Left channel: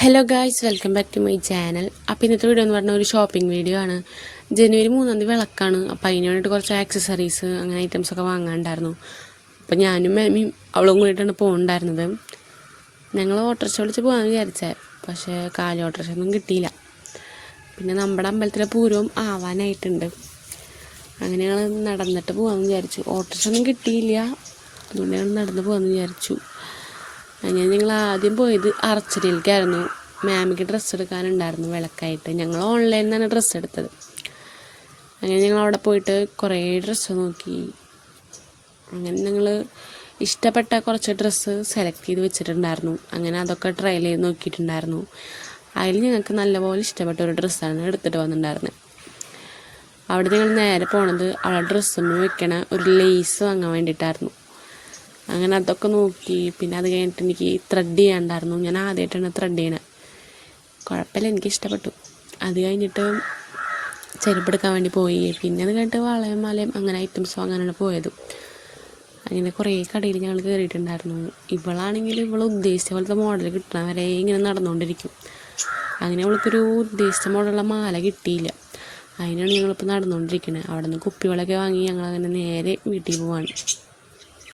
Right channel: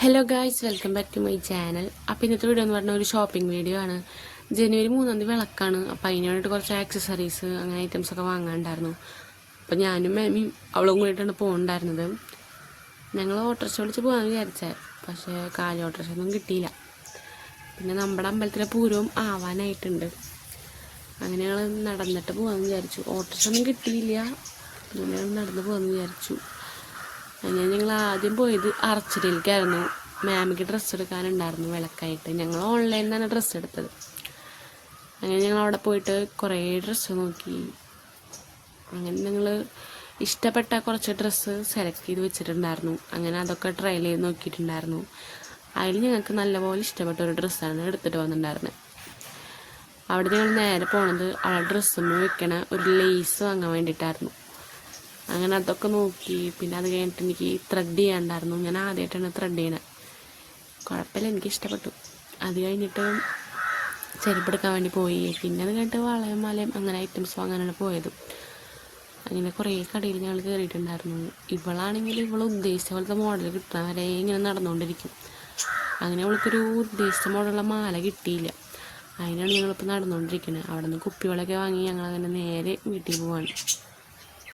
Hello guys, welcome back to my channel. അപ്പോൾ ഇന്നത്തെ video എന്ന് പറഞ്ഞാൽ ഒരു ഷോപ്പിംഗ് വീഡിയോ ആണ്. ജനുവരി 3 വിളക്കാണ്. അപ്പോൾ അതിന് വേണ്ടിയിട്ട് കുറച്ച് ആക്സസറീസ് അങ്ങനെ ഐറ്റംസൊക്കെ വാങ്ങാനുണ്ടായിരുന്നു. അപ്പോൾ ഞാനും മേമിയും അവളും കൂടിയിട്ടാണ് പോകുന്നുണ്ടായിരുന്നത്. ഞങ്ങൾ ഓട്ടോറിക്ഷ വിളിച്ച് പോകാമെന്ന് വിചാരിച്ചത്, പക്ഷേ കാലി ഓട്ടോറിക്ഷ ഒന്നും കിട്ടിയില്ല. പിന്നെ നമ്മുടെ അമ്പലത്തിലെ പൂരവും ആവാനായിട്ടുണ്ട്. അങ്ങനെ ഞങ്ങൾ നടന്നിട്ട് പോകാമെന്ന് വിചാരിച്ചു. ഓട്ടോറിക്ഷ ഒന്നും കിട്ടിയില്ല, അതുകൊണ്ട് ഞങ്ങൾ നടന്ന് പോകാമെന്ന് വിചാരിച്ചു. അങ്ങനെ ഞങ്ങൾ ആദ്യം പോയത് അർച്ചനയിലേക്കായിരുന്നു. മാമിക്ക് ഡ്രസ്സ് എടുക്കാനുണ്ടായിരുന്നു വിളക്കായിട്ട്. ഞങ്ങൾ ഓൺലൈനിൽ നിന്നാണ് ഡ്രസ്സ് എടുത്തത്. അങ്ങനെ ഞങ്ങൾ അവിടെ പോയിട്ട് കുറേ ഡ്രസ്സ് നോക്കി. അങ്ങനെ ഞങ്ങൾ ഇഷ്ടപ്പെട്ട കുറച്ച് ഡ്രസ്സ് സെലക്ട് ചെയ്ത് വെച്ചിട്ടുണ്ടായിരുന്നു. അങ്ങനെ അതൊക്കെ ട്രയൽ ചെയ്ത് നോക്കിയിട്ടുണ്ടായിരുന്നു. അതിൽ ഞങ്ങൾക്ക് നല്ലപോലെ ഇഷ്ടപ്പെട്ട ഒരു ഡ്രസ്സാണ് എടുത്തിട്ട് വന്നിട്ടുണ്ടായിരുന്നത്. അവിടെ ഞങ്ങൾ നേരെ പോണത് അവിടെ ഡ്രസ്സൊന്നും വെക്കണ ഒരു ലേസ് വാങ്ങാൻ വേണ്ടിയിട്ടായിരുന്നു. അങ്ങനെ അതൊക്കെ നോക്കി. പിന്നെ അത് കഴിഞ്ഞിട്ട് എനിക്ക് ത്രെഡ് ചെയ്യാനുണ്ടായിരുന്നു. ഞാൻ ആദ്യമായിട്ടാണ് ത്രെഡ് ചെയ്യണത്. കുഴപ്പമില്ല, എനിക്ക് ഇഷ്ടപ്പെട്ടു. അത് കഴിഞ്ഞിട്ട് ചെരുപ്പെടുക്കാൻ വേണ്ടി പോയി. പിന്നെ അത് കഴിഞ്ഞിട്ട് വളയും മലയും അങ്ങനെ ഐറ്റംസ് വാങ്ങാനാണ് പോയത്. അങ്ങനെ കുറേ കടയിൽ ഞങ്ങൾ കയറിയിട്ടുണ്ടായിരുന്നു. ഇവളാണെങ്കിൽ ഉദ്ദേശിച്ച പോലത്തെ മോഡൽ കിട്ടണ വരെ ഇങ്ങനെ നടന്നുകൊണ്ടിരിക്കും. അങ്ങനെ അവൾക്കൊരു ഉദ്ദേശിച്ച മോഡലുള്ള മാല കിട്ടിയില്ല. അതിനാണ് ഞങ്ങളിപ്പോൾ നടന്നുകൊണ്ടിരിക്കുന്നത്. അവിടെ നിന്ന് കുപ്പികളൊക്കെ വാങ്ങി ഞങ്ങളങ്ങനെ നേരെ വീട്ടിൽ പോവാണ്.